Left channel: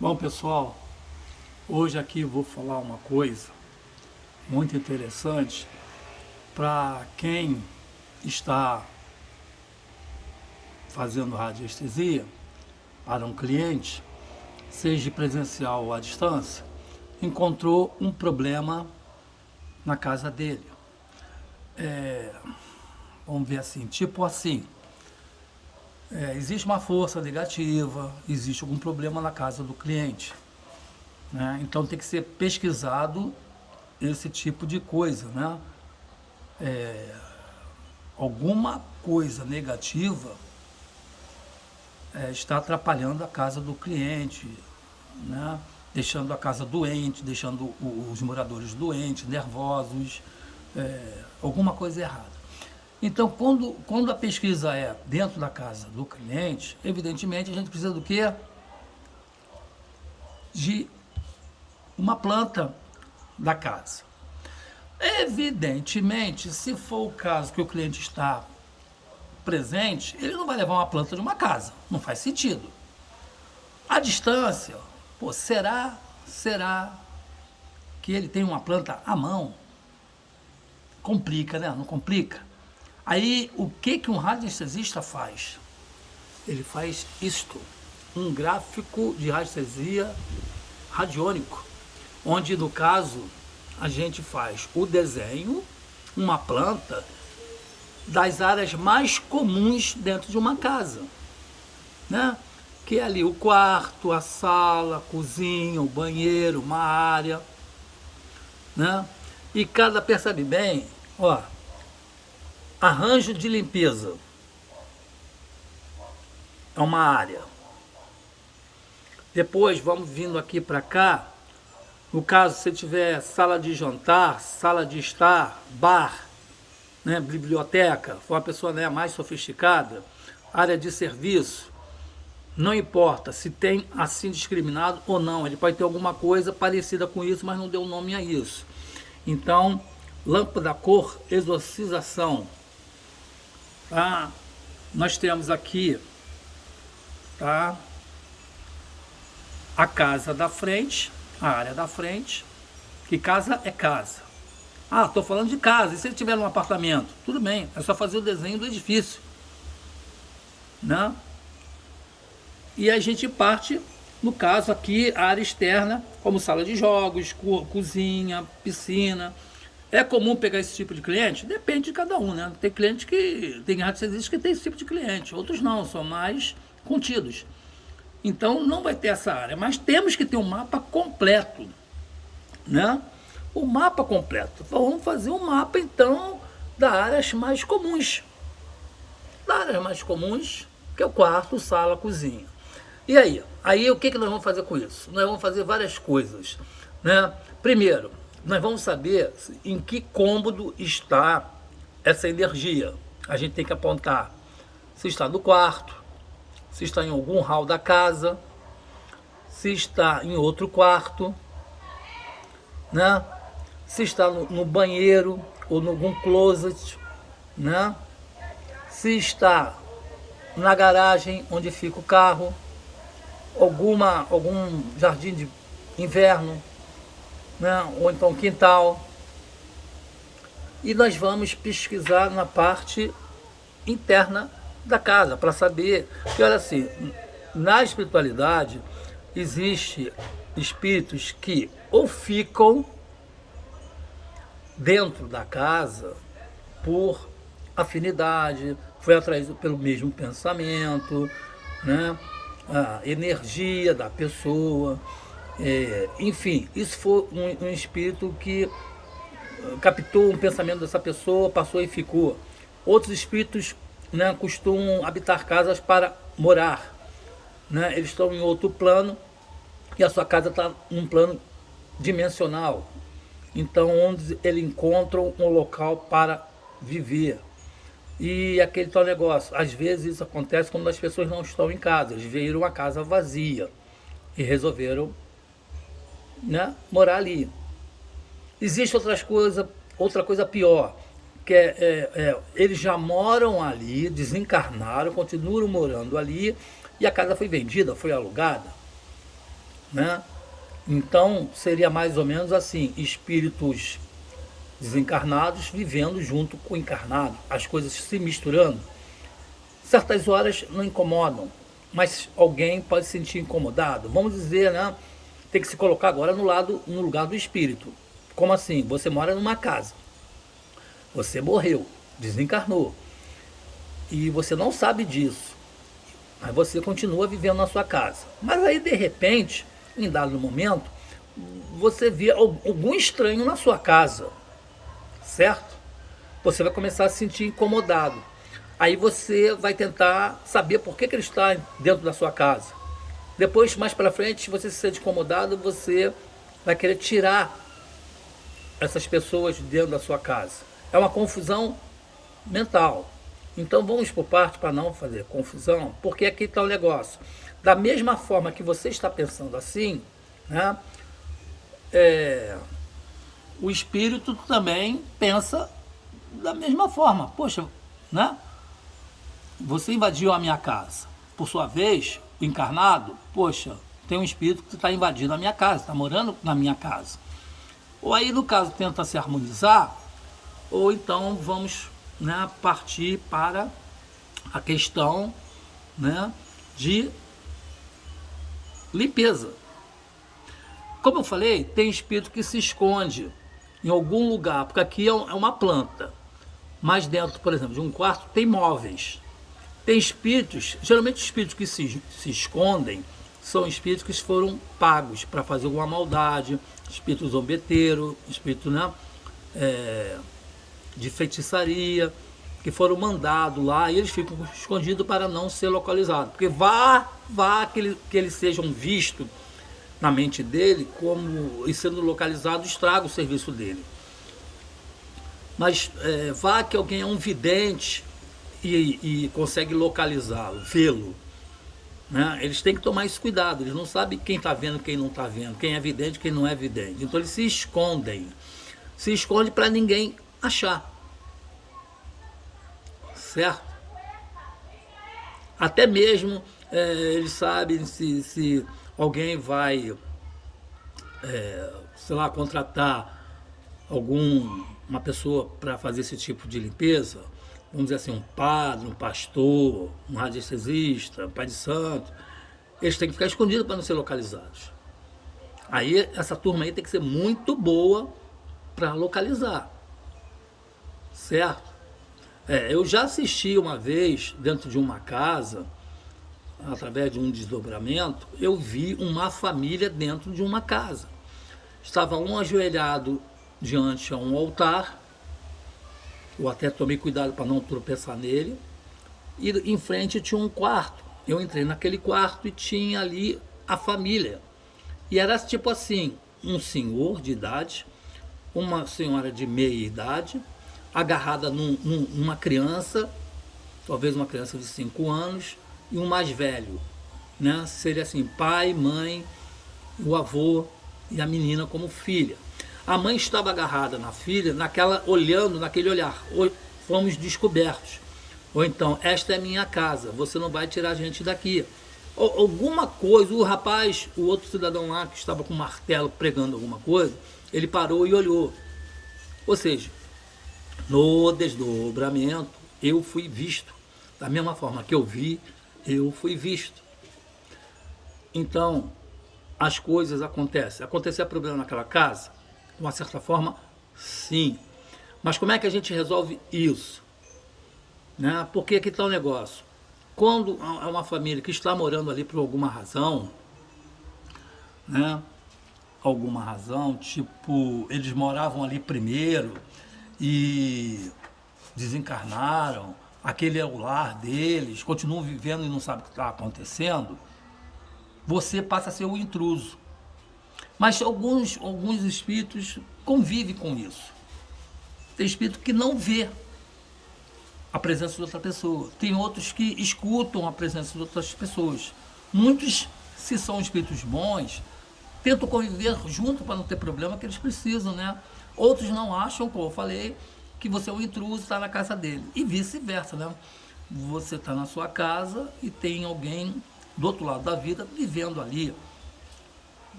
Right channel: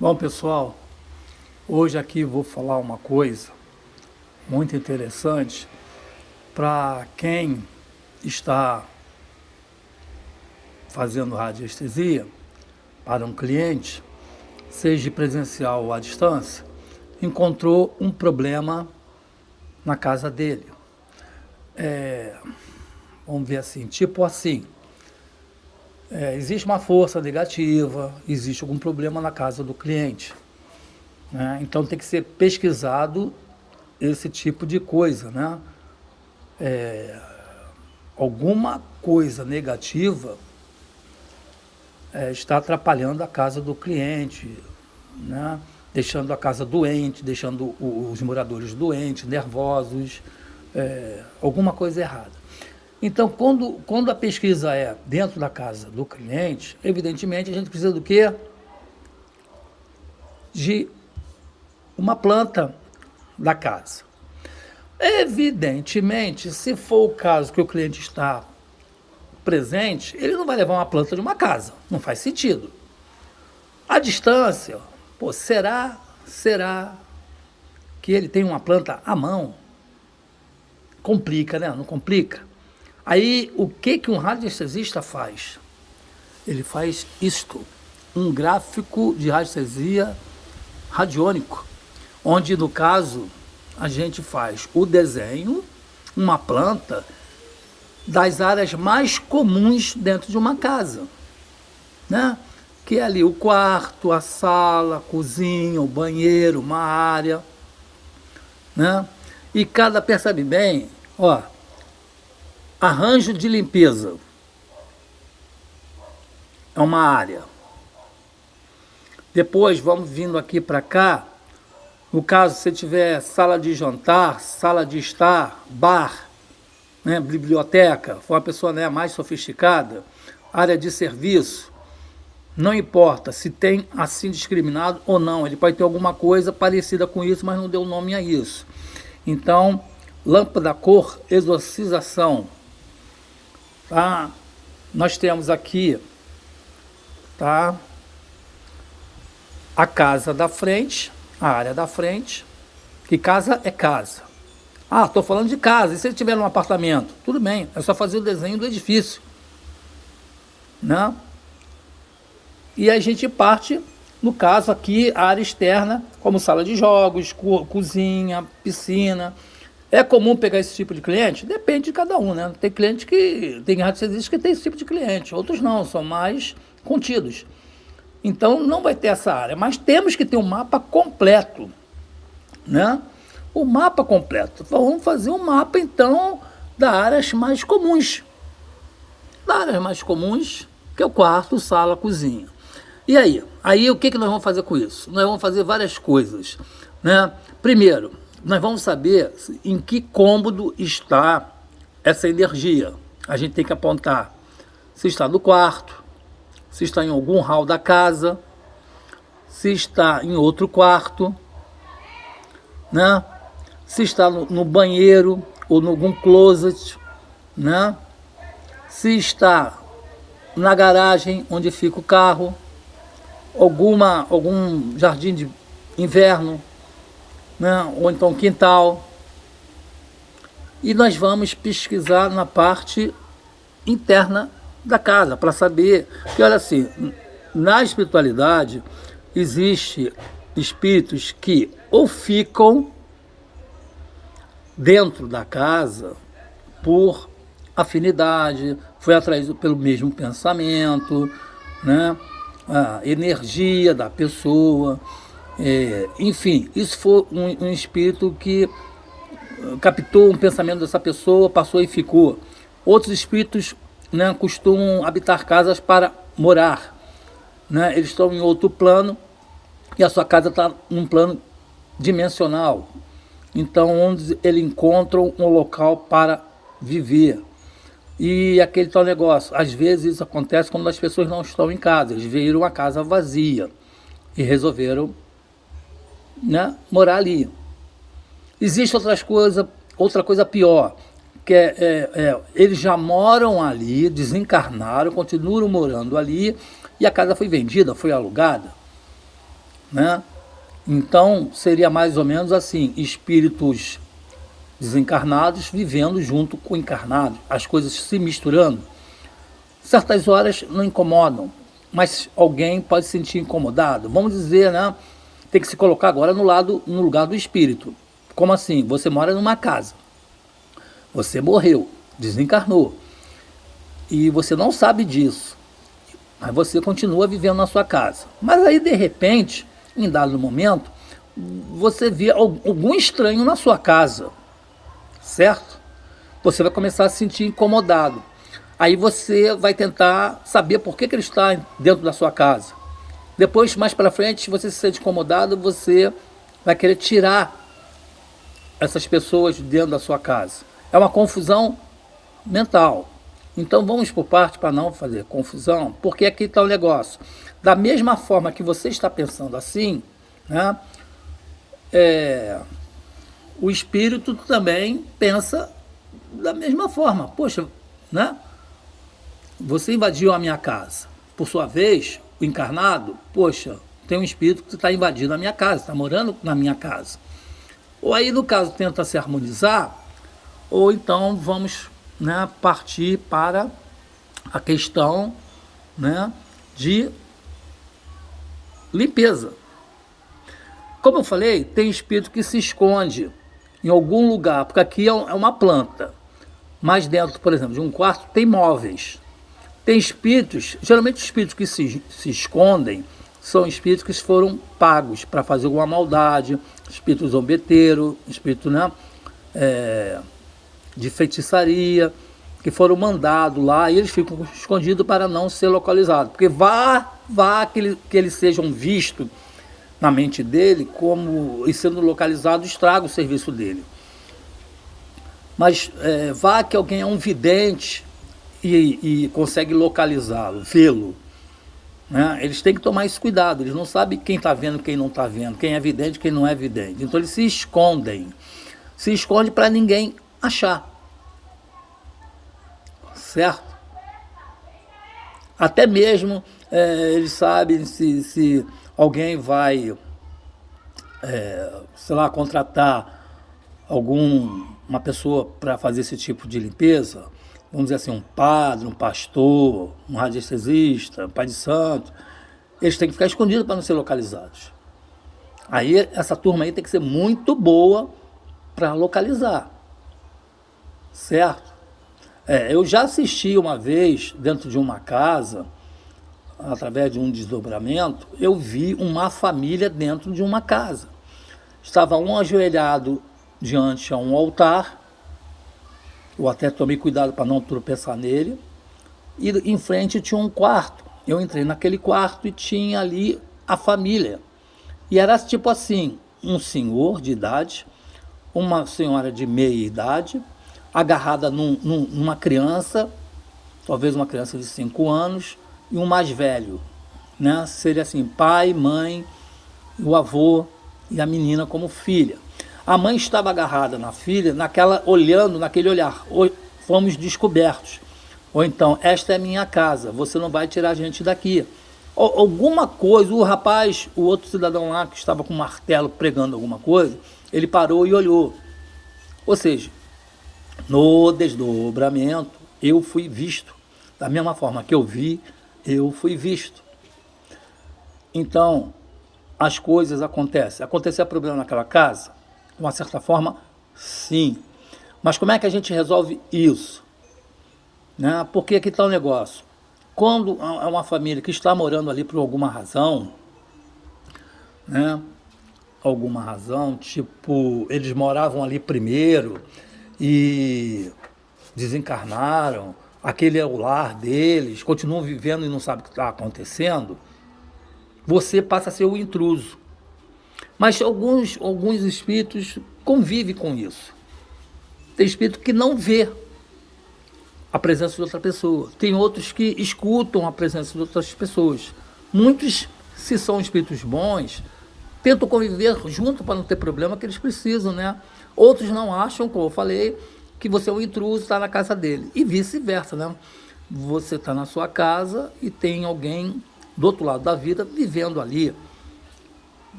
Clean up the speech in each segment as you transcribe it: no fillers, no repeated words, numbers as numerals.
Bom, pessoal, hoje aqui vou falar uma coisa muito interessante para quem está fazendo radiestesia para um cliente, seja presencial ou à distância, encontrou um problema na casa dele. Vamos ver assim, tipo assim, existe uma força negativa, existe algum problema na casa do cliente, né? Então tem que ser pesquisado esse tipo de coisa, né? Alguma coisa negativa está atrapalhando a casa do cliente, né? Deixando a casa doente, deixando os moradores doentes, nervosos, alguma coisa errada. Então, quando a pesquisa é dentro da casa do cliente, evidentemente a gente precisa do quê? De uma planta da casa. Evidentemente, se for o caso que o cliente está presente, ele não vai levar uma planta de uma casa. Não faz sentido. A distância, pô, será que ele tem uma planta à mão? Complica, né? Não complica? Aí, o que um radiestesista faz? Ele faz isto, um gráfico de radiestesia radiônico, onde, no caso, a gente faz o desenho, uma planta, das áreas mais comuns dentro de uma casa, né? Que é ali o quarto, a sala, a cozinha, o banheiro, uma área, né? E cada, percebe bem, ó, arranjo de limpeza é uma área. Depois vamos vindo aqui para cá. No caso, se tiver sala de jantar, sala de estar, bar, né, biblioteca, for uma pessoa, né, mais sofisticada, área de serviço, não importa se tem assim discriminado ou não, ele pode ter alguma coisa parecida com isso, mas não deu nome a isso. Então, lâmpada cor, exorcização, tá? Nós temos aqui, tá? A casa da frente, a área da frente, que casa é casa. Ah, estou falando de casa, e se ele tiver um apartamento? Tudo bem, é só fazer o desenho do edifício, né? E a gente parte, no caso aqui, a área externa, como sala de jogos, cozinha, piscina. É comum pegar esse tipo de cliente? Depende de cada um, né? Tem cliente que, tem radiestesistas que tem esse tipo de cliente, outros não, são mais contidos. Então não vai ter essa área, mas temos que ter um mapa completo, né? O mapa completo. Então, vamos fazer um mapa então das áreas mais comuns. Das áreas mais comuns, que é o quarto, sala, cozinha. E aí? Aí o que nós vamos fazer com isso? Nós vamos fazer várias coisas, né? Primeiro, nós vamos saber em que cômodo está essa energia. A gente tem que apontar se está no quarto, se está em algum hall da casa, se está em outro quarto, né? Se está no banheiro ou em algum closet, né? Se está na garagem onde fica o carro, algum jardim de inverno, né? Ou então quintal. E nós vamos pesquisar na parte interna da casa para saber que, olha assim, na espiritualidade existe espíritos que ou ficam dentro da casa por afinidade, foi atraído pelo mesmo pensamento, né? A energia da pessoa, enfim, isso foi um espírito que captou um pensamento dessa pessoa, passou e ficou. Outros espíritos, né, costumam habitar casas para morar, né? Eles estão em outro plano e a sua casa está num plano dimensional. Então, onde eles encontram um local para viver. E aquele tal negócio, às vezes isso acontece quando as pessoas não estão em casa, eles viram a casa vazia e resolveram, né, morar ali. Existe outra coisa pior, que eles já moram ali, desencarnaram, continuam morando ali, e a casa foi vendida, foi alugada. né? Então, seria mais ou menos assim, espíritos desencarnados vivendo junto com o encarnado, as coisas se misturando. Certas horas não incomodam, mas alguém pode se sentir incomodado. Vamos dizer, né? Tem que se colocar agora no lugar do espírito. Como assim? Você mora numa casa, você morreu, desencarnou, e você não sabe disso, mas você continua vivendo na sua casa. Mas aí, de repente, em dado momento, você vê algum estranho na sua casa, certo? Você vai começar a se sentir incomodado. Aí você vai tentar saber por que ele está dentro da sua casa. Depois, mais para frente, se você se sente incomodado, você vai querer tirar essas pessoas de dentro da sua casa. É uma confusão mental. Então vamos por parte para não fazer confusão, porque aqui está o negócio. Da mesma forma que você está pensando assim, né, o espírito também pensa da mesma forma. Poxa, né? Você invadiu a minha casa. Por sua vez, o encarnado, poxa, tem um espírito que está invadindo a minha casa, está morando na minha casa. Ou aí, no caso, tenta se harmonizar, ou então vamos, né, partir para a questão, né, de limpeza. Como eu falei, tem espírito que se esconde em algum lugar, porque aqui é uma planta, mas dentro, por exemplo, de um quarto tem móveis. Tem espíritos, geralmente os espíritos que se escondem são espíritos que foram pagos para fazer alguma maldade, espírito zombeteiro, espírito, né, de feitiçaria, que foram mandados lá e eles ficam escondidos para não ser localizados. Porque vá que eles sejam vistos na mente dele como e sendo localizado estraga o serviço dele. Mas vá que alguém é um vidente e consegue localizá-lo, vê-lo, né? Eles têm que tomar esse cuidado, eles não sabem quem está vendo, quem não está vendo, quem é vidente, quem não é vidente. Então eles se escondem para ninguém achar, certo? Até mesmo eles sabem se alguém vai, sei lá, contratar uma pessoa para fazer esse tipo de limpeza, vamos dizer assim, um padre, um pastor, um radiestesista, um pai de santo, eles têm que ficar escondidos para não ser localizados. Aí essa turma aí tem que ser muito boa para localizar, certo? Eu já assisti uma vez dentro de uma casa, através de um desdobramento, eu vi uma família dentro de uma casa. Estava um ajoelhado diante a um altar, eu até tomei cuidado para não tropeçar nele, e em frente tinha um quarto. Eu entrei naquele quarto e tinha ali a família. E era tipo assim, um senhor de idade, uma senhora de meia idade, agarrada numa criança, talvez uma criança de 5 anos, e um mais velho, né? Seria assim, pai, mãe, o avô e a menina como filha. A mãe estava agarrada na filha, olhando naquele olhar, fomos descobertos. Ou então, esta é minha casa, você não vai tirar a gente daqui. Alguma coisa, o outro cidadão lá que estava com um martelo pregando alguma coisa, ele parou e olhou. Ou seja, no desdobramento, eu fui visto. Da mesma forma que eu vi, eu fui visto. Então, as coisas acontecem. Aconteceu problema naquela casa? De uma certa forma, sim. Mas como é que a gente resolve isso? Né? Porque aqui está o negócio. Quando é uma família que está morando ali por alguma razão, né? Alguma razão, tipo, eles moravam ali primeiro e desencarnaram, aquele é o lar deles, continuam vivendo e não sabem o que está acontecendo, você passa a ser o intruso. Mas alguns espíritos convivem com isso. Tem espírito que não vê a presença de outra pessoa. Tem outros que escutam a presença de outras pessoas. Muitos, se são espíritos bons, tentam conviver junto para não ter problema que eles precisam, né? Outros não acham, como eu falei, que você é um intruso, está na casa dele. E vice-versa, né? Você está na sua casa e tem alguém do outro lado da vida vivendo ali.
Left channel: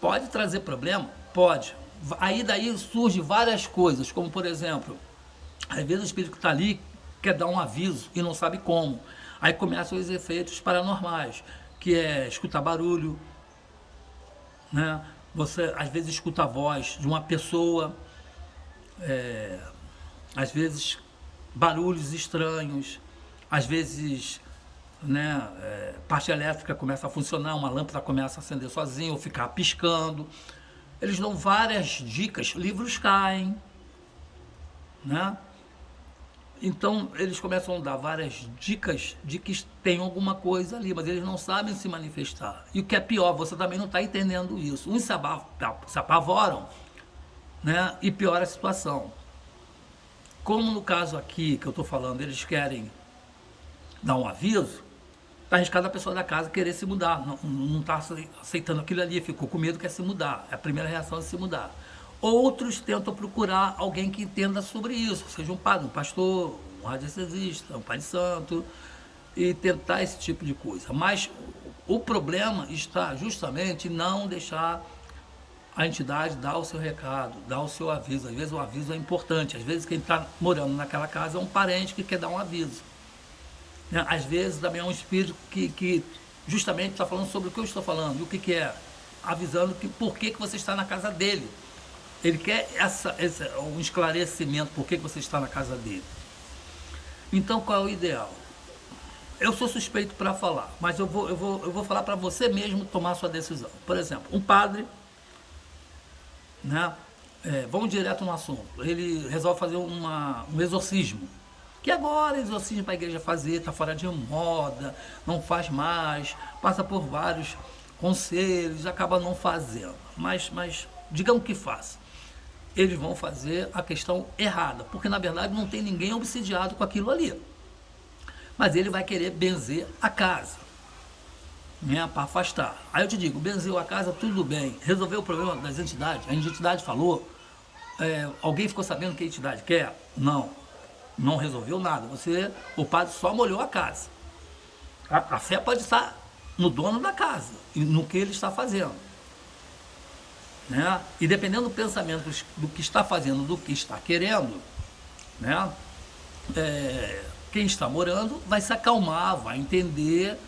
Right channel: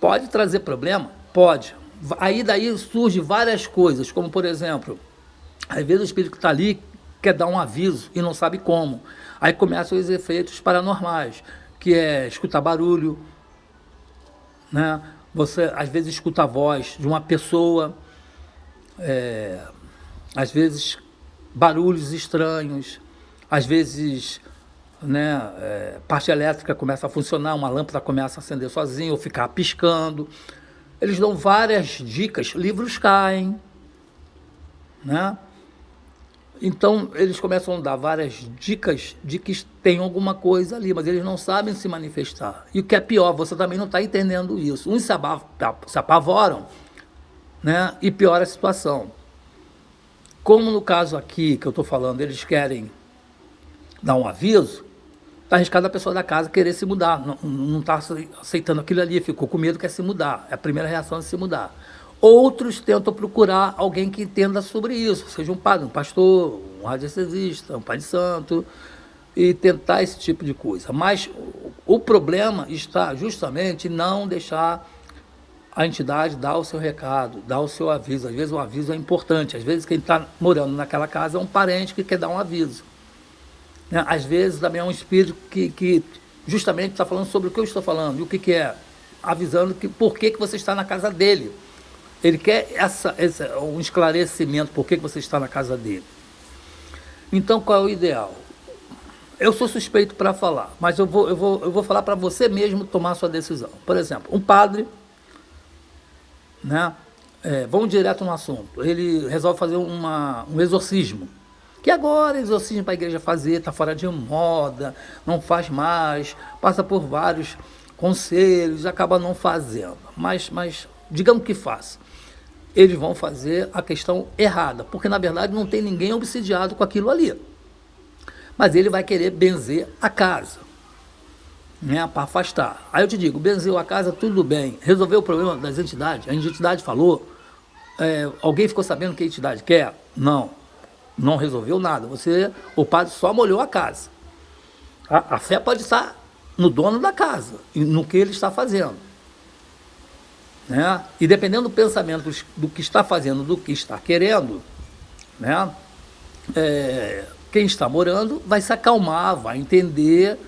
Pode trazer problema? Pode. Aí daí surge várias coisas, como por exemplo, às vezes o espírito que está ali quer dar um aviso e não sabe como. Aí começam os efeitos paranormais, que é escutar barulho, né? Você às vezes escuta a voz de uma pessoa, às vezes barulhos estranhos, às vezes, né, parte elétrica começa a funcionar, uma lâmpada começa a acender sozinha ou ficar piscando. Eles dão várias dicas, livros caem, né? Então eles começam a dar várias dicas de que tem alguma coisa ali, mas eles não sabem se manifestar. E o que é pior, você também não está entendendo isso. Uns se apavoram, né, e piora a situação. Como no caso aqui que eu estou falando, eles querem dar um aviso, está arriscado a pessoa da casa querer se mudar, não está aceitando aquilo ali, ficou com medo, quer se mudar. É a primeira reação de se mudar. Outros tentam procurar alguém que entenda sobre isso, seja um padre, um pastor, um radiestesista, um pai de santo, e tentar esse tipo de coisa. Mas o problema está justamente em não deixar a entidade dar o seu recado, dar o seu aviso. Às vezes o aviso é importante, às vezes quem está morando naquela casa é um parente que quer dar um aviso, né? Às vezes também é um espírito que justamente está falando sobre o que eu estou falando, e o que é, avisando que por que você está na casa dele. Ele quer um esclarecimento por que você está na casa dele. Então, qual é o ideal? Eu sou suspeito para falar, mas eu vou falar para você mesmo tomar a sua decisão. Por exemplo, um padre, né, vamos direto no assunto, ele resolve fazer um exorcismo, que agora exorcismo para a igreja fazer, está fora de moda, não faz mais, passa por vários conselhos, acaba não fazendo, mas digamos que faça. Eles vão fazer a questão errada, porque na verdade não tem ninguém obsidiado com aquilo ali. Mas ele vai querer benzer a casa, né, para afastar. Aí eu te digo, benzeu a casa, tudo bem. Resolveu o problema das entidades? A entidade falou, alguém ficou sabendo o que a entidade quer? Não resolveu nada. O padre só molhou a casa. A fé pode estar no dono da casa, no que ele está fazendo, né? E dependendo do pensamento do que está fazendo, do que está querendo, né, quem está morando vai se acalmar, vai entender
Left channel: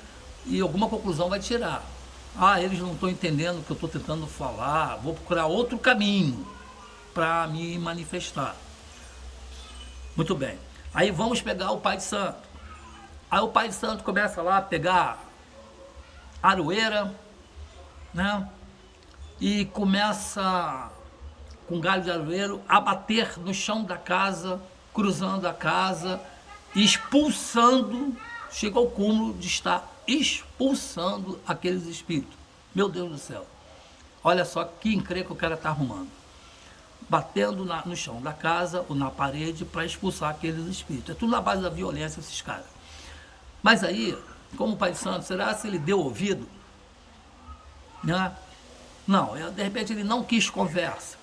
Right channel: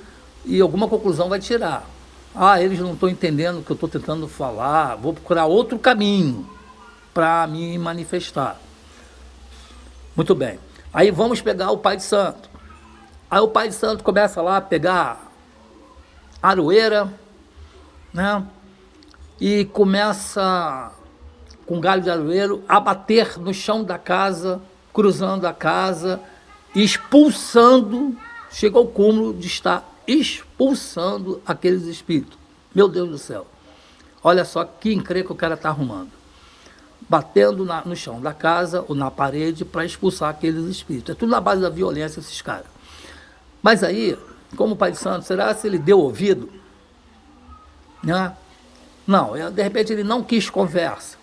e alguma conclusão vai tirar. Eles não estão entendendo o que eu estou tentando falar, vou procurar outro caminho para me manifestar. Muito bem. Aí vamos pegar o Pai de Santo. Aí o Pai de Santo começa lá a pegar aroeira, né? E começa, com galho de aroeiro, a bater no chão da casa, cruzando a casa, expulsando, chega ao cúmulo de estar expulsando aqueles espíritos. Meu Deus do céu. Olha só que encrenca o cara está arrumando. Batendo no chão da casa ou na parede para expulsar aqueles espíritos. É tudo na base da violência, esses caras. Mas aí, como o Pai de Santo, será se ele deu ouvido? Né? Não, de repente ele não quis conversa.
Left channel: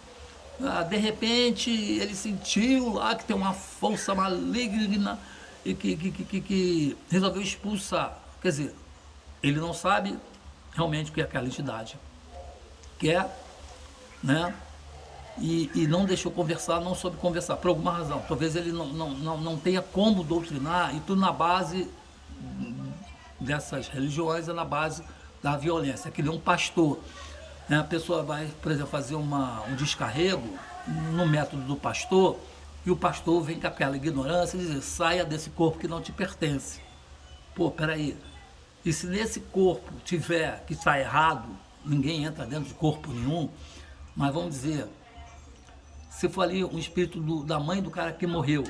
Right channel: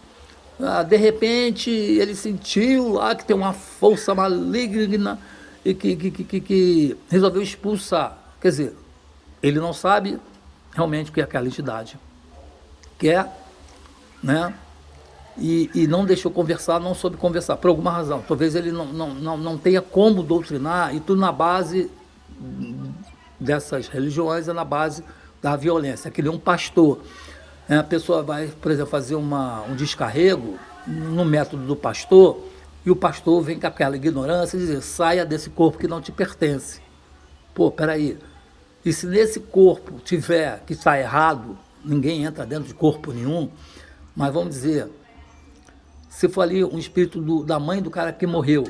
De repente ele sentiu lá que tem uma força maligna e que resolveu expulsar. Quer dizer, ele não sabe realmente o que aquela entidade quer, né? E não deixou conversar, não soube conversar, por alguma razão. Talvez ele não tenha como doutrinar, e tudo na base dessas religiões, é na base da violência. Que nem um pastor. A pessoa vai, por exemplo, fazer um descarrego no método do pastor, e o pastor vem com aquela ignorância e diz: saia desse corpo que não te pertence. Pô, peraí. E se nesse corpo tiver que está errado, ninguém entra dentro de corpo nenhum, mas vamos dizer, se for ali um espírito da mãe do cara que morreu,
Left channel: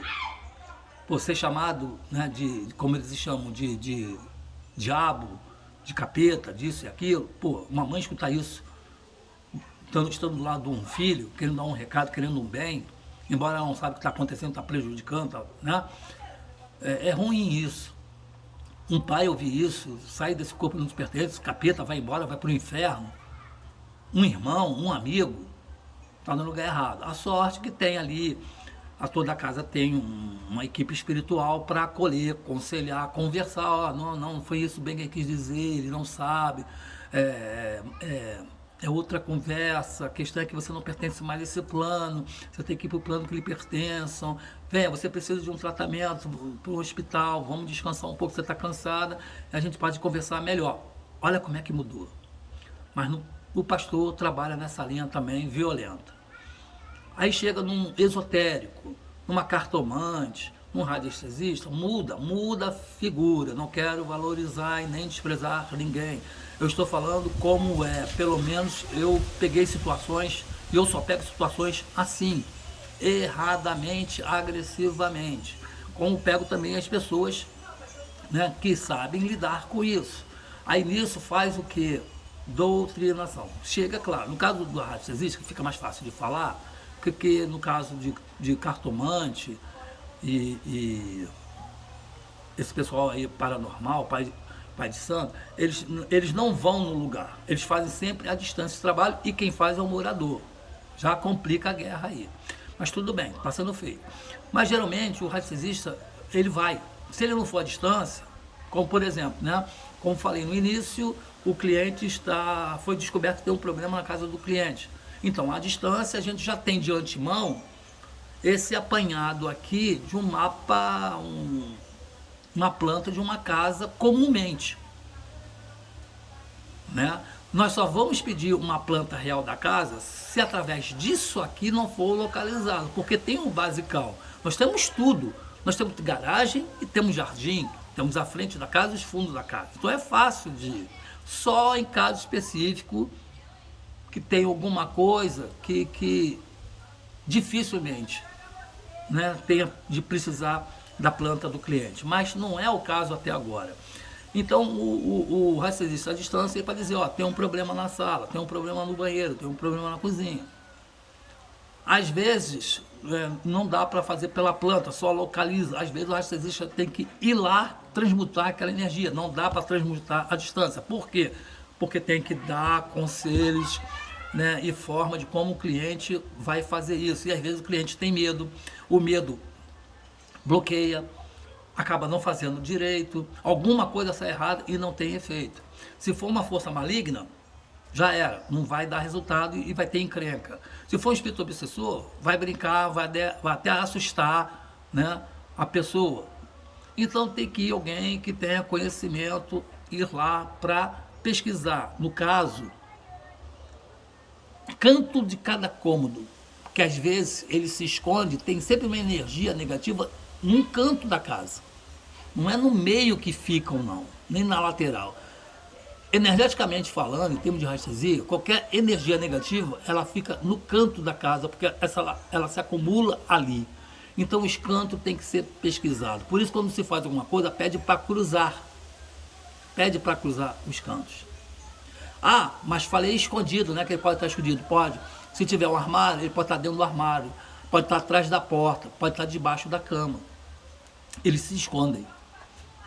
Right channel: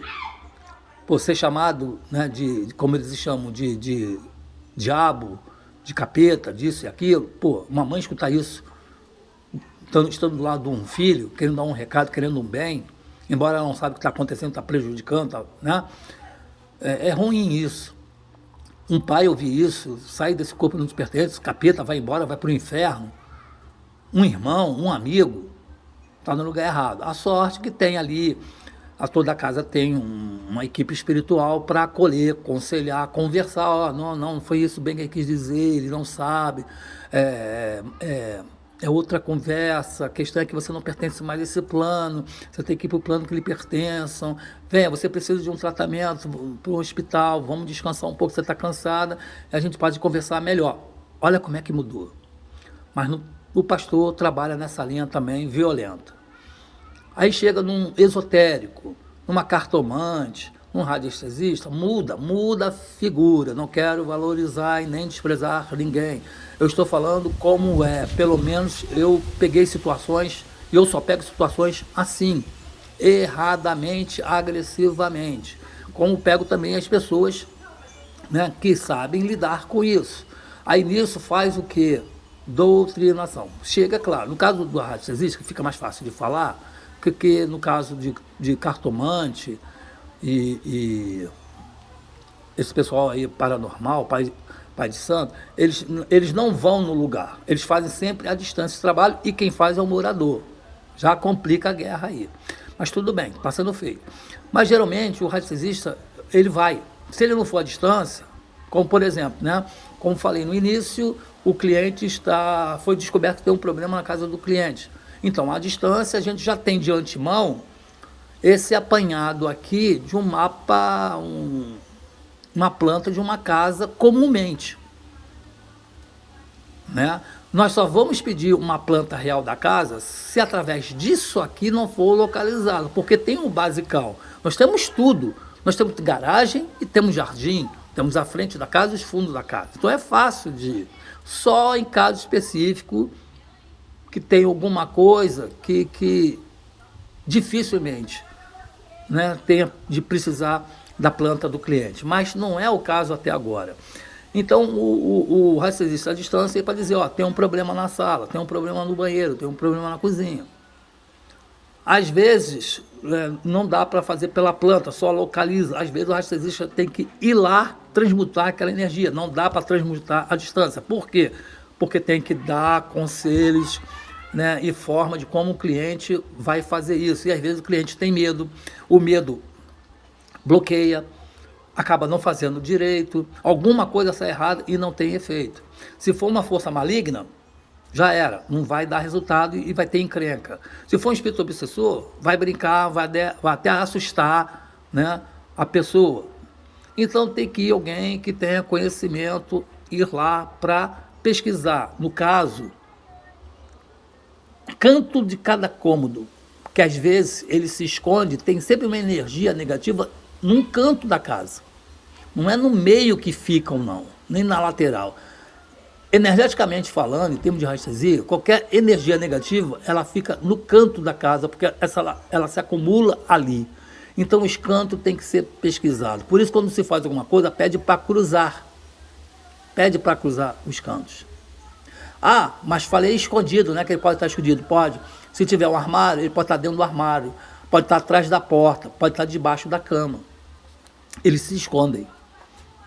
por ser chamado, né, como eles chamam, de diabo, de capeta, disso e aquilo, pô, uma mãe escutar isso, estando do lado de um filho, querendo dar um recado, querendo um bem, embora ela não saiba o que está acontecendo, está prejudicando, né? É ruim isso. Um pai ouvir isso, sai desse corpo que não te pertence, capeta, vai embora, vai para o inferno. Um irmão, um amigo, está no lugar errado. A sorte que tem ali, toda a casa tem uma equipe espiritual para acolher, aconselhar, conversar. Não foi isso bem que ele quis dizer, ele não sabe. é outra conversa, a questão é que você não pertence mais a esse plano, você tem que ir para o plano que lhe pertençam. Venha, você precisa de um tratamento para o hospital, vamos descansar um pouco, você está cansada, a gente pode conversar melhor. Olha como é que mudou. Mas o pastor trabalha nessa linha também violenta. Aí chega num esotérico, numa cartomante, num radiestesista, muda a figura. Não quero valorizar e nem desprezar ninguém. Eu estou falando como é. Pelo menos eu peguei situações, e eu só pego situações assim, erradamente, agressivamente. Como pego também as pessoas, né, que sabem lidar com isso. Aí nisso faz o quê? Doutrinação. Chega, claro, no caso do radiestesista, que fica mais fácil de falar, que no caso de cartomante e esse pessoal aí paranormal, pai de santo, eles não vão no lugar, eles fazem sempre a distância de trabalho e quem faz é o morador. Já complica a guerra aí. Mas tudo bem, está sendo feio. Mas geralmente o radiestesista, ele vai. Se ele não for à distância, como por exemplo, né? Como falei no início, o cliente foi descoberto que tem um problema na casa do cliente. Então, à distância, a gente já tem de antemão esse apanhado aqui de um mapa, uma planta de uma casa comumente, né? Nós só vamos pedir uma planta real da casa se através disso aqui não for localizado, porque tem um basicão. Nós temos tudo. Nós temos garagem e temos jardim, temos a frente da casa e os fundos da casa. Então é fácil de ir. Só em caso específico que tem alguma coisa que dificilmente, né, tenha de precisar da planta do cliente. Mas não é o caso até agora. Então, o radiestesista à distância é para dizer, ó, tem um problema na sala, tem um problema no banheiro, tem um problema na cozinha. Às vezes, não dá para fazer pela planta, só localiza. Às vezes, o radiestesista tem que ir lá transmutar aquela energia. Não dá para transmutar à distância. Por quê? Porque tem que dar conselhos, né, e forma de como o cliente vai fazer isso. E às vezes o cliente tem medo, o medo bloqueia, acaba não fazendo direito, alguma coisa sai errada e não tem efeito. Se for uma força maligna, já era, não vai dar resultado e vai ter encrenca. Se for um espírito obsessor, vai brincar, vai até assustar, né, a pessoa. Então tem que ir alguém que tenha conhecimento, ir lá para pesquisar. No caso, canto de cada cômodo, que às vezes ele se esconde, tem sempre uma energia negativa num canto da casa. Não é no meio que ficam, não, nem na lateral. Energeticamente falando, em termos de radiestesia, qualquer energia negativa, ela fica no canto da casa, porque ela se acumula ali. Então, os cantos têm que ser pesquisados. Por isso, quando se faz alguma coisa, pede para cruzar. Pede para cruzar os cantos. Ah, mas falei escondido, né? Que ele pode estar escondido. Pode. Se tiver um armário, ele pode estar dentro do armário. Pode estar atrás da porta. Pode estar debaixo da cama. Eles se escondem.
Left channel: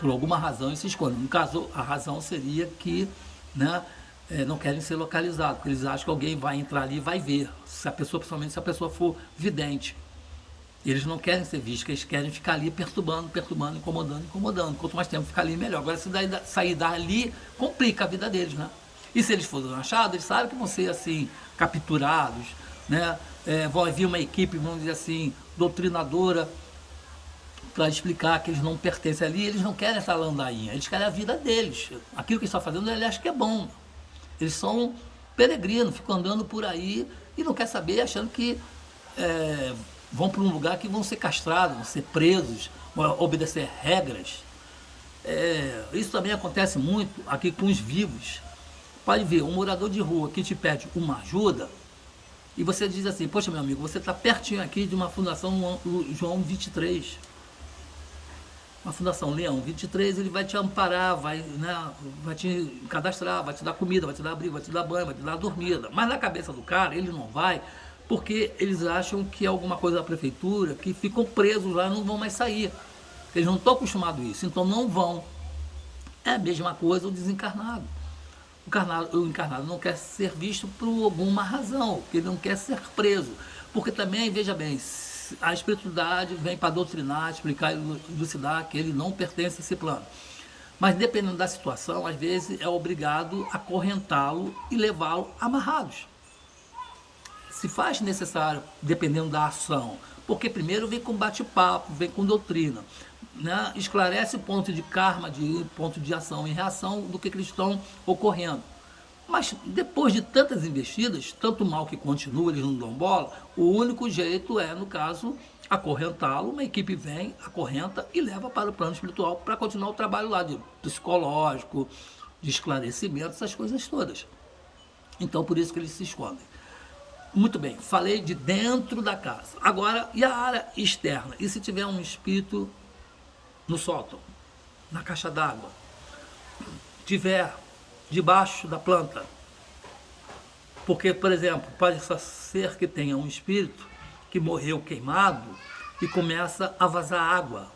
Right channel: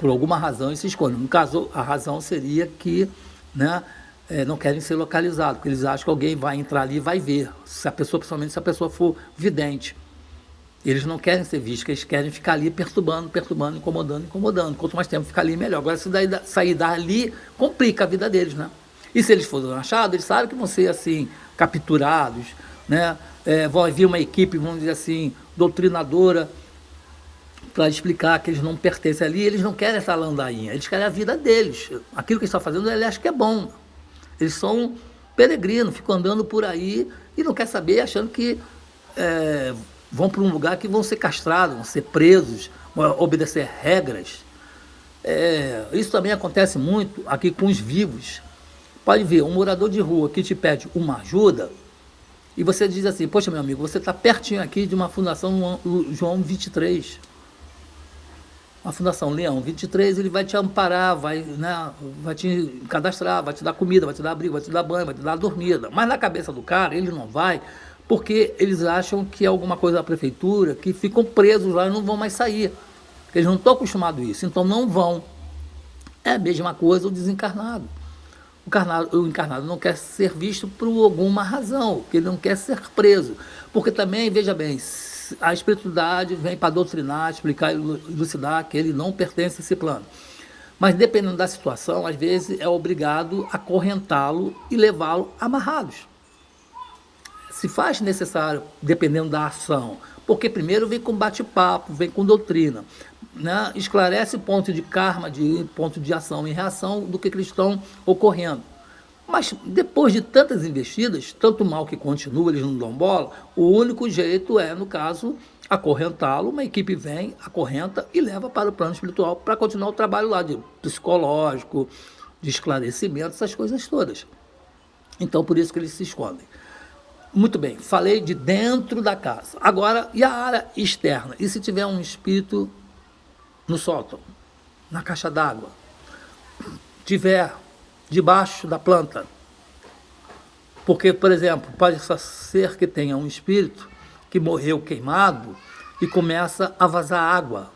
Por alguma razão, eles se escondem. No caso, a razão seria que, né, não querem ser localizados. Porque eles acham que alguém vai entrar ali e vai ver. Se a pessoa, principalmente se a pessoa for vidente. Eles não querem ser vistos, eles querem ficar ali perturbando, incomodando. Quanto mais tempo ficar ali, melhor. Agora, se sair dali, complica a vida deles, né? E se eles forem achados, eles sabem que vão ser, assim, capturados, né? Vai vir uma equipe, vamos dizer assim, doutrinadora, para explicar que eles não pertencem ali, eles não querem essa landainha, eles querem a vida deles. Aquilo que eles estão fazendo, eles acham que é bom. Eles são peregrinos, ficam andando por aí e não querem saber, achando que vão para um lugar que vão ser castrados, vão ser presos, vão obedecer regras. Isso também acontece muito aqui com os vivos. Pode ver, um morador de rua que te pede uma ajuda e você diz assim, poxa, meu amigo, você está pertinho aqui de uma fundação João 23. Uma fundação Leão 23, ele vai te amparar, vai te cadastrar, vai te dar comida, vai te dar abrigo, vai te dar banho, vai te dar dormida. Mas na cabeça do cara, ele não vai, porque eles acham que é alguma coisa da prefeitura, que ficam presos lá e não vão mais sair. Eles não estão acostumados a isso, então não vão. É a mesma coisa o desencarnado. O encarnado não quer ser visto por alguma razão, porque ele não quer ser preso. Porque também, veja bem, a espiritualidade vem para doutrinar, explicar e elucidar que ele não pertence a esse plano. Mas dependendo da situação, às vezes é obrigado a acorrentá-lo e levá-lo amarrados. Se faz necessário, dependendo da ação, porque primeiro vem com bate-papo, vem com doutrina, né? Esclarece ponto de karma, de ponto de ação e reação do que eles estão ocorrendo. Mas depois de tantas investidas, tanto mal que continua, eles não dão bola, o único jeito é, no caso, acorrentá-lo, uma equipe vem, acorrenta e leva para o plano espiritual para continuar o trabalho lá de psicológico, de esclarecimento, essas coisas todas. Então, por isso que eles se escondem. Muito bem, falei de dentro da casa. Agora, e a área externa? E se tiver um espírito no sótão, na caixa d'água, tiver debaixo da planta? Porque, por exemplo, pode ser que tenha um espírito que morreu queimado e começa a vazar água,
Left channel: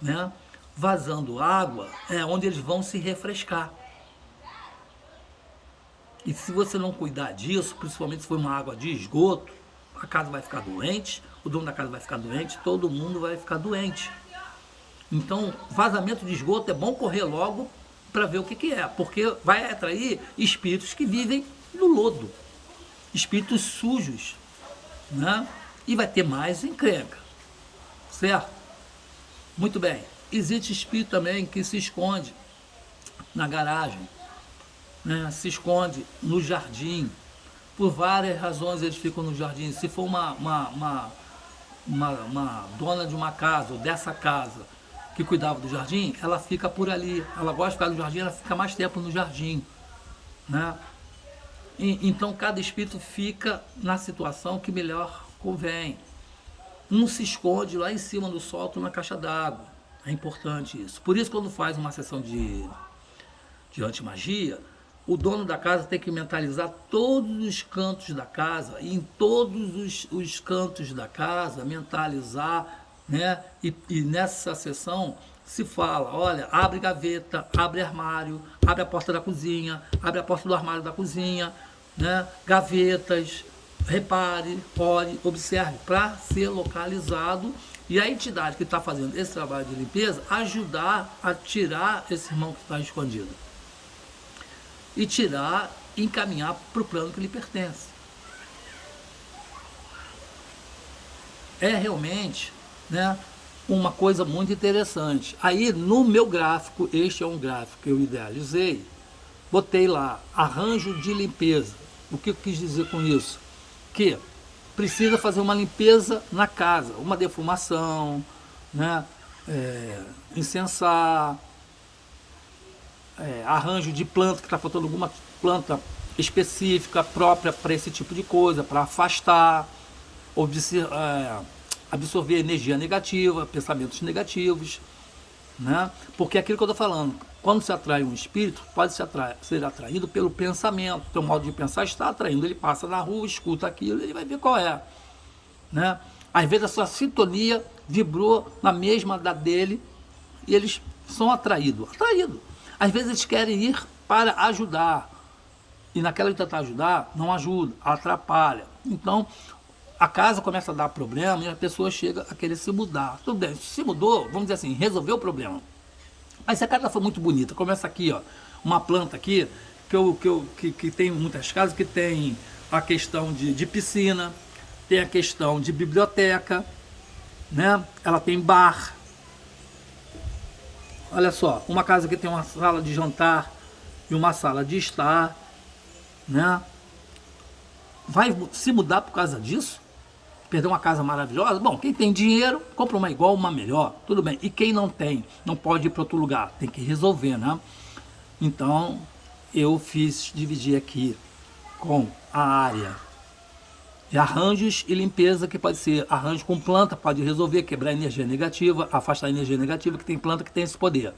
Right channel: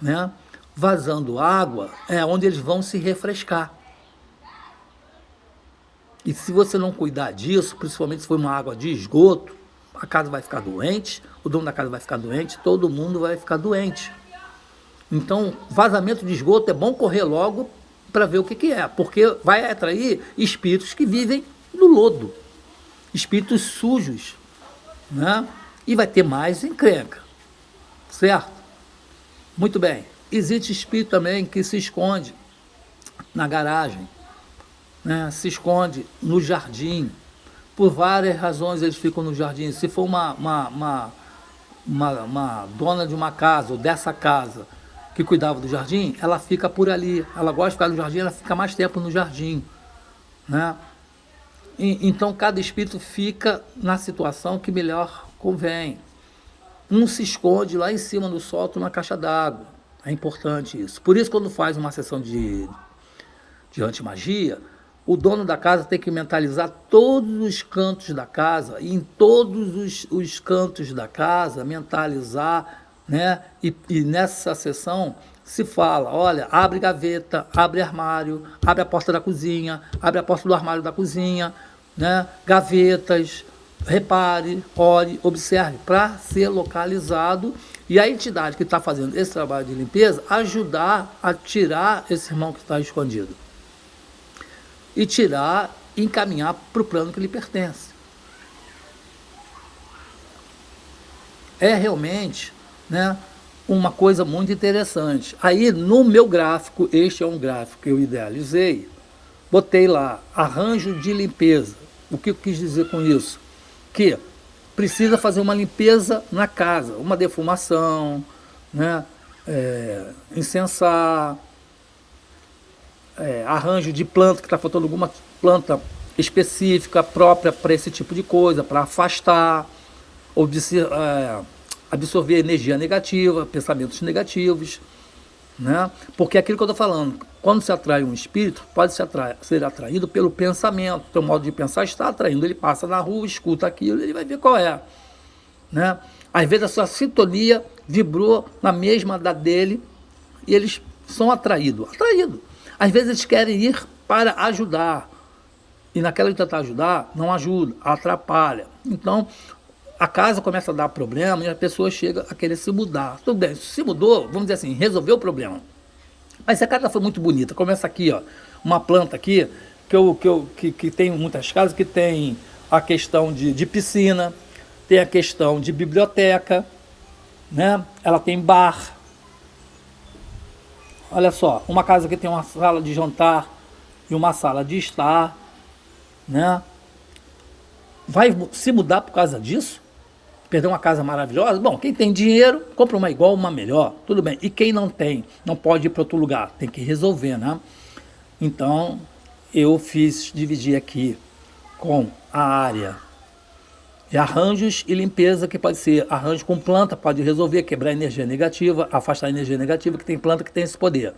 né? Vazando água é onde eles vão se refrescar. E se você não cuidar disso, principalmente se for uma água de esgoto, a casa vai ficar doente, o dono da casa vai ficar doente, todo mundo vai ficar doente. Então, vazamento de esgoto é bom correr logo para ver o que é, porque vai atrair espíritos que vivem no lodo, espíritos sujos, né? E vai ter mais encrenca, certo? Muito bem. Existe espírito também que se esconde na garagem, né? Se esconde no jardim. Por várias razões eles ficam no jardim. Se for uma dona de uma casa ou dessa casa que cuidava do jardim, ela fica por ali. Ela gosta de ficar no jardim, ela fica mais tempo no jardim, né? Então cada espírito fica na situação que melhor convém. Um se esconde lá em cima do sótão na caixa d'água. É importante isso. Por isso, quando faz uma sessão de antimagia, o dono da casa tem que mentalizar todos os cantos da casa, e em todos os cantos da casa, mentalizar, né? E nessa sessão se fala, olha, abre gaveta, abre armário, abre a porta da cozinha, abre a porta do armário da cozinha, né? Gavetas, repare, olhe, observe, para ser localizado e a entidade que está fazendo esse trabalho de limpeza ajudar a tirar esse irmão que está escondido. E tirar, encaminhar para o plano que lhe pertence. É realmente, né, uma coisa muito interessante. Aí no meu gráfico, este é um gráfico que eu idealizei, botei lá, arranjo de limpeza. O que eu quis dizer com isso? Que precisa fazer uma limpeza na casa, uma defumação, né, incensar, arranjo de planta, que está faltando alguma planta específica própria para esse tipo de coisa, para afastar, absorver energia negativa, pensamentos negativos, né? Porque é aquilo que eu estou falando, quando se atrai um espírito, pode ser atraído pelo pensamento, pelo modo de pensar, está atraindo, ele passa na rua, escuta aquilo, ele vai ver qual é, né? Às vezes a sua sintonia vibrou na mesma da dele e eles são atraídos. Às vezes eles querem ir para ajudar, e naquela que tentar ajudar, não ajuda, atrapalha. Então, a casa começa a dar problema e a pessoa chega a querer se mudar. Tudo bem, se mudou, vamos dizer assim, resolveu o problema. Mas se a casa foi muito bonita, começa aqui, ó, uma planta aqui, que tem muitas casas, que tem a questão de piscina, tem a questão de biblioteca, né? Ela tem bar. Olha só, uma casa que tem uma sala de jantar e uma sala de estar, né? Vai se mudar por causa disso? Perder uma casa maravilhosa? Bom, quem tem dinheiro, compra uma igual, uma melhor, tudo bem. E quem não tem, não pode ir para outro lugar, tem que resolver, né? Então, eu dividir aqui com a área de arranjos e limpeza, que pode ser arranjo com planta, pode resolver, quebrar energia negativa, afastar a energia negativa, que tem planta que tem esse poder.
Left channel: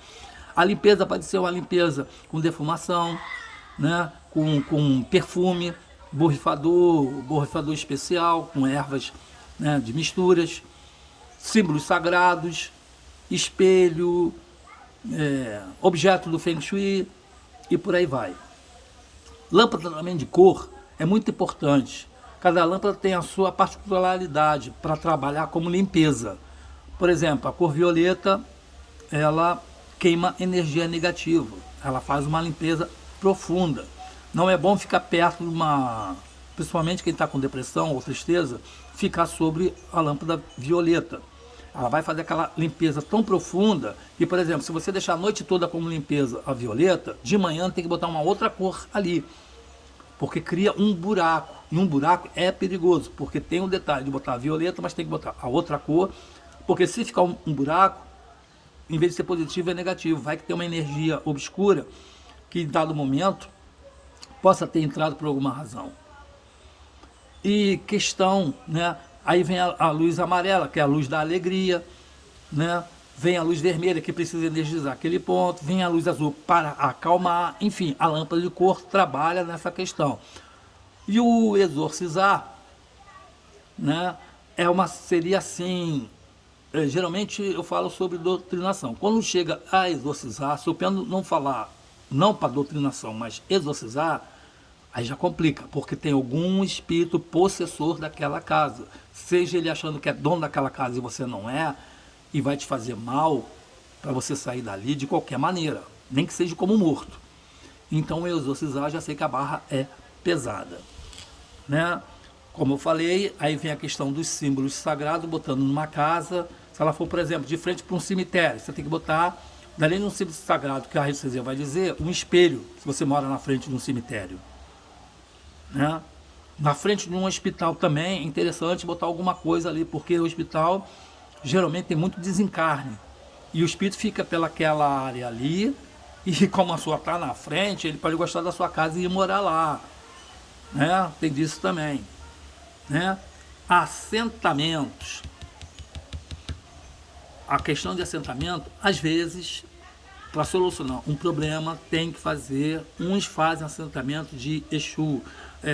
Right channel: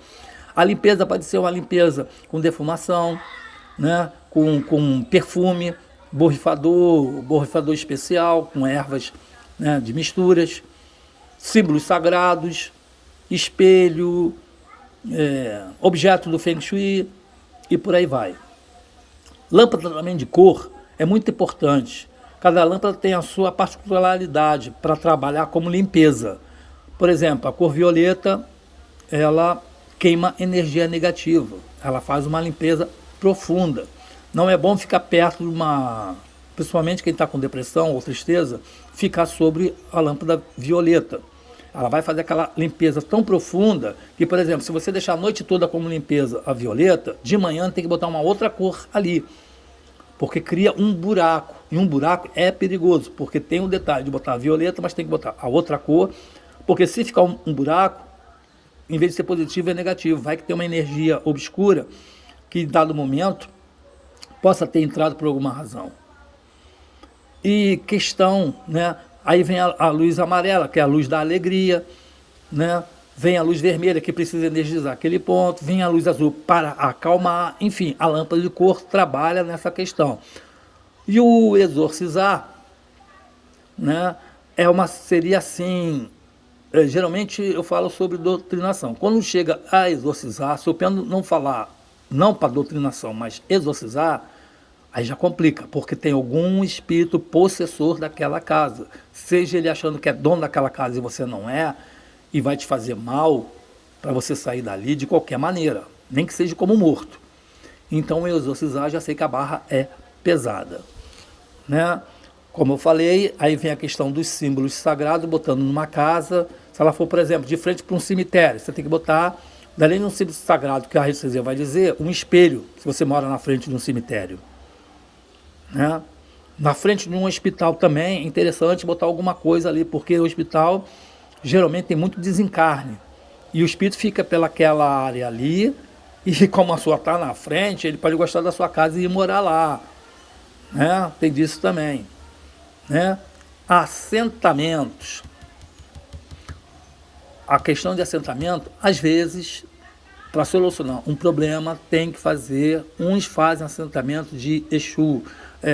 A limpeza pode ser uma limpeza com defumação, né? Com perfume, borrifador especial, com ervas, né, de misturas, símbolos sagrados, espelho, objeto do Feng Shui e por aí vai. Lâmpada também de cor é muito importante. Cada lâmpada tem a sua particularidade para trabalhar como limpeza. Por exemplo, a cor violeta, ela queima energia negativa. Ela faz uma limpeza profunda. Não é bom ficar perto de uma... Principalmente quem está com depressão ou tristeza, ficar sobre a lâmpada violeta. Ela vai fazer aquela limpeza tão profunda que, por exemplo, se você deixar a noite toda como limpeza a violeta, de manhã tem que botar uma outra cor ali, porque cria um buraco. E um buraco é perigoso, porque tem o detalhe de botar a violeta, mas tem que botar a outra cor, porque se ficar um buraco, em vez de ser positivo, é negativo. Vai que tem uma energia obscura que, em dado momento, possa ter entrado por alguma razão. E questão, né? Aí vem a luz amarela, que é a luz da alegria, né? Vem a luz vermelha, que precisa energizar aquele ponto, vem a luz azul para acalmar, enfim, a lâmpada de cor trabalha nessa questão. E o exorcizar, né? Seria assim, geralmente eu falo sobre doutrinação. Quando chega a exorcizar, se eu penso não falar, não para doutrinação, mas exorcizar, aí já complica, porque tem algum espírito possessor daquela casa. Seja ele achando que é dono daquela casa e você não é, e vai te fazer mal para você sair dali de qualquer maneira, nem que seja como morto. Então, eu exorcizar, já sei que a barra é pesada, né? Como eu falei, aí vem a questão dos símbolos sagrados, botando numa casa. Se ela for, por exemplo, de frente para um cemitério, você tem que botar, além de um símbolo sagrado, que a radiestesia vai dizer, um espelho, se você mora na frente de um cemitério. Né? Na frente de um hospital também é interessante botar alguma coisa ali, porque o hospital geralmente tem muito desencarne e o espírito fica pelaquela área ali, e como a sua está na frente, ele pode gostar da sua casa e ir morar lá, né? Tem disso também, né? Assentamentos, a questão de assentamento, às vezes, para solucionar um problema, tem que fazer, uns fazem assentamento de Exu.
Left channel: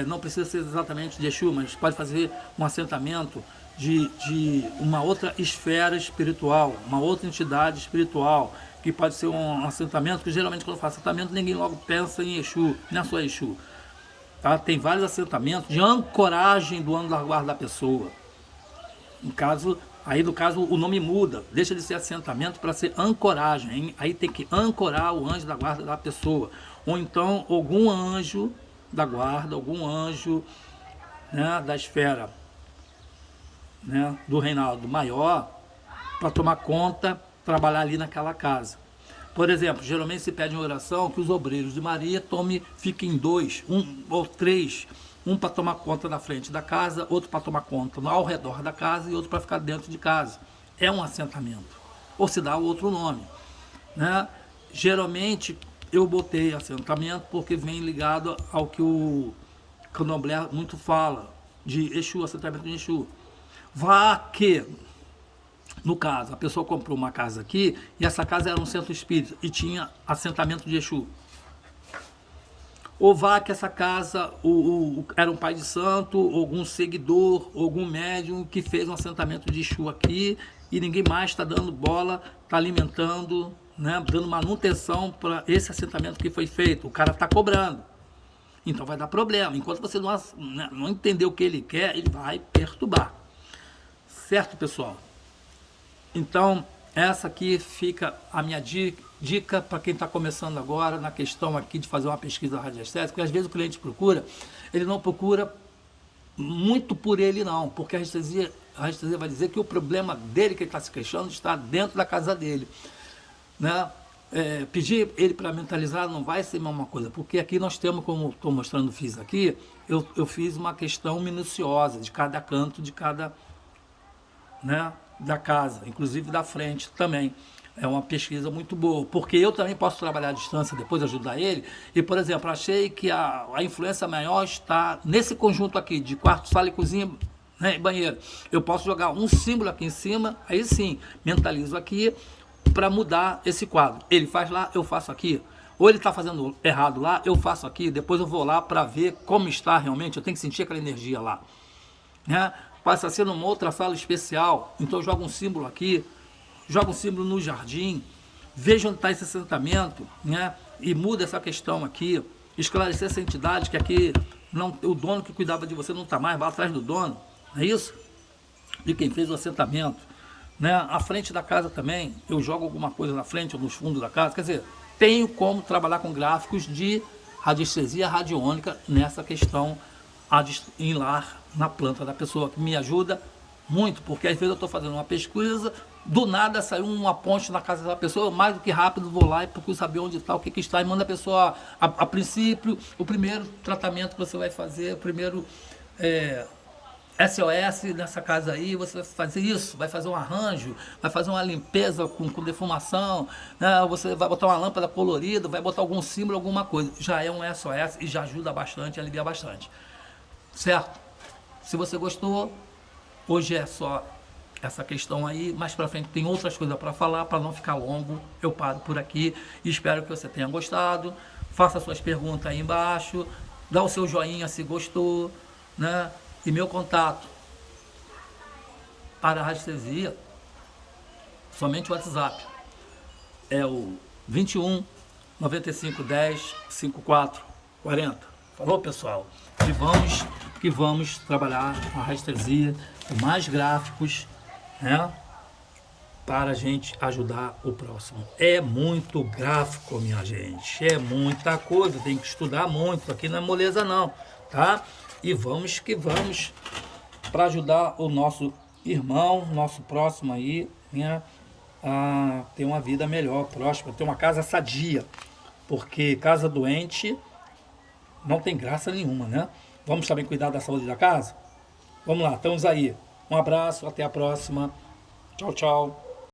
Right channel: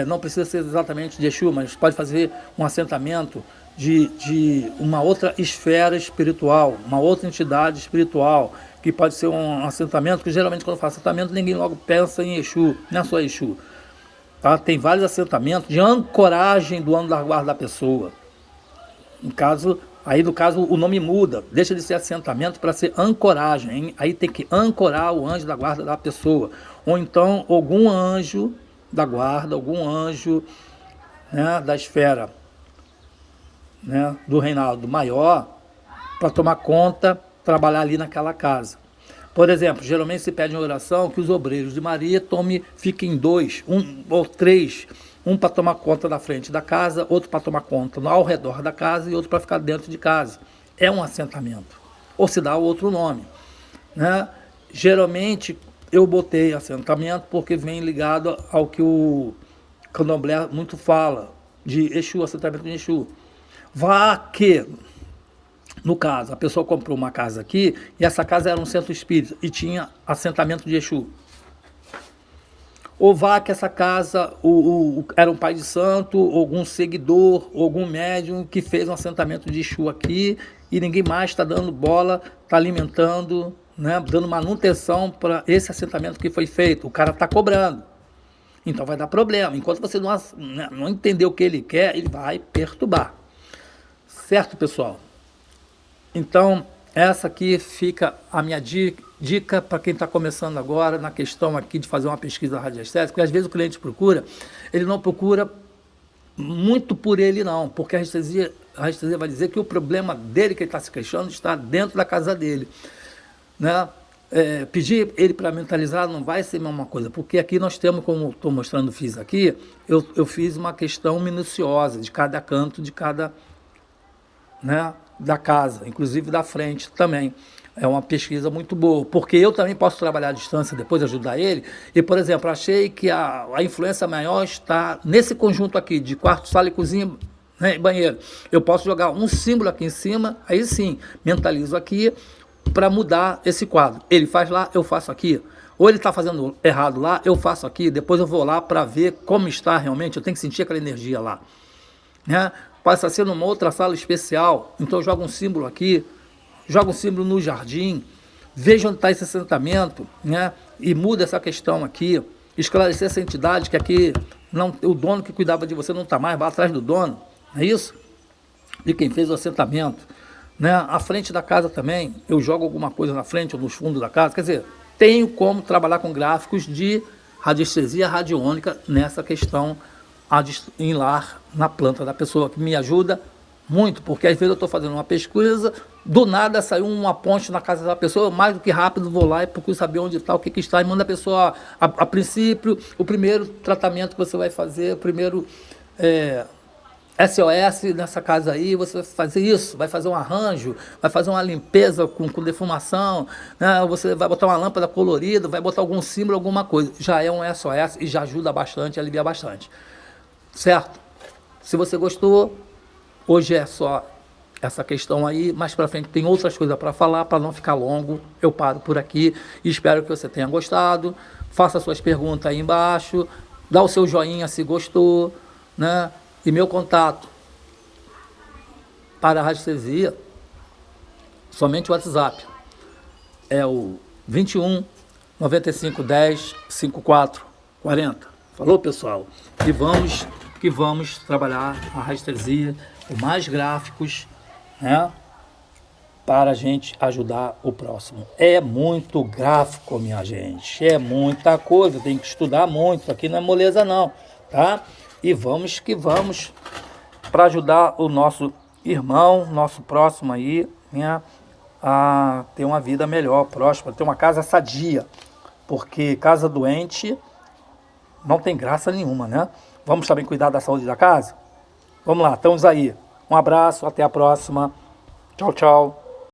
Não precisa ser exatamente de Exu, mas pode fazer um assentamento de uma outra esfera espiritual, uma outra entidade espiritual, que pode ser um assentamento, que geralmente quando fala assentamento, ninguém logo pensa em Exu, não é só Exu. Tá? Tem vários assentamentos de ancoragem do anjo da guarda da pessoa. No caso, o nome muda, deixa de ser assentamento para ser ancoragem, hein? Aí tem que ancorar o anjo da guarda da pessoa, ou então algum anjo da guarda, algum anjo, né, da esfera, né, do reinado maior, para tomar conta, trabalhar ali naquela casa. Por exemplo, geralmente se pede em oração que os obreiros de Maria fiquem dois, um ou três, um para tomar conta da frente da casa, outro para tomar conta ao redor da casa e outro para ficar dentro de casa. É um assentamento, ou se dá outro nome, né? Geralmente eu botei assentamento porque vem ligado ao que o candomblé muito fala, de Exu, assentamento de Exu. Vá que, no caso, a pessoa comprou uma casa aqui, e essa casa era um centro espírita, e tinha assentamento de Exu. Ou vá que essa casa era um pai de santo, algum seguidor, algum médium que fez um assentamento de Exu aqui, e ninguém mais está dando bola, está alimentando, né, dando manutenção para esse assentamento que foi feito. O cara está cobrando. Então vai dar problema. Enquanto você não entender o que ele quer, ele vai perturbar. Certo, pessoal? Então, essa aqui fica a minha dica para quem está começando agora na questão aqui de fazer uma pesquisa radiestésica, porque às vezes o cliente procura, ele não procura muito por ele não, porque a radiestesia vai dizer que o problema dele, que ele está se queixando, está dentro da casa dele, né? Pedir ele para mentalizar não vai ser a mesma coisa, porque aqui nós temos, como estou mostrando, fiz aqui, eu fiz uma questão minuciosa de cada canto, de cada, né, da casa, inclusive da frente também. É uma pesquisa muito boa, porque eu também posso trabalhar à distância, depois ajudar ele. E, por exemplo, achei que a influência maior está nesse conjunto aqui, de quarto, sala e cozinha, né, e banheiro. Eu posso jogar um símbolo aqui em cima, aí sim, mentalizo aqui, para mudar esse quadro. Ele faz lá, eu faço aqui. Ou ele está fazendo errado lá, eu faço aqui, depois eu vou lá para ver como está realmente, eu tenho que sentir aquela energia lá, né? Passa a ser numa outra sala especial, então eu jogo um símbolo aqui, jogo um símbolo no jardim, veja onde está esse assentamento, né? E muda essa questão aqui, esclarecer essa entidade que aqui não, o dono que cuidava de você não está mais, vai atrás do dono, não é isso? De quem fez o assentamento, né? A frente da casa também, eu jogo alguma coisa na frente ou nos fundos da casa, quer dizer, tenho como trabalhar com gráficos de radiestesia radiônica nessa questão em lar, na planta da pessoa, que me ajuda muito, porque às vezes eu estou fazendo uma pesquisa, do nada saiu uma ponte na casa da pessoa, mais do que rápido vou lá e procuro saber onde está, o que está, e manda a pessoa, a princípio, o primeiro tratamento que você vai fazer, o primeiro SOS nessa casa aí, você vai fazer isso, vai fazer um arranjo, vai fazer uma limpeza com defumação, né? Você vai botar uma lâmpada colorida, vai botar algum símbolo, alguma coisa. Já é um SOS e já ajuda bastante, alivia bastante. Certo? Se você gostou, hoje é só essa questão aí, mais para frente tem outras coisas para falar, para não ficar longo, eu paro por aqui e espero que você tenha gostado. Faça suas perguntas aí embaixo, dá o seu joinha se gostou, né? E meu contato para a radiestesia, somente o WhatsApp, é o 21 95 10 54 40. Falou, pessoal? E vamos trabalhar a radiestesia com mais gráficos, né? Para a gente ajudar o próximo. É muito gráfico, minha gente. É muita coisa, tem que estudar muito. Aqui não é moleza não, tá? E vamos que vamos para ajudar o nosso irmão, nosso próximo aí, né, a ter uma vida melhor, próxima, ter uma casa sadia. Porque casa doente não tem graça nenhuma, né? Vamos também cuidar da saúde da casa? Vamos lá, estamos aí. Um abraço, até a próxima. Tchau, tchau.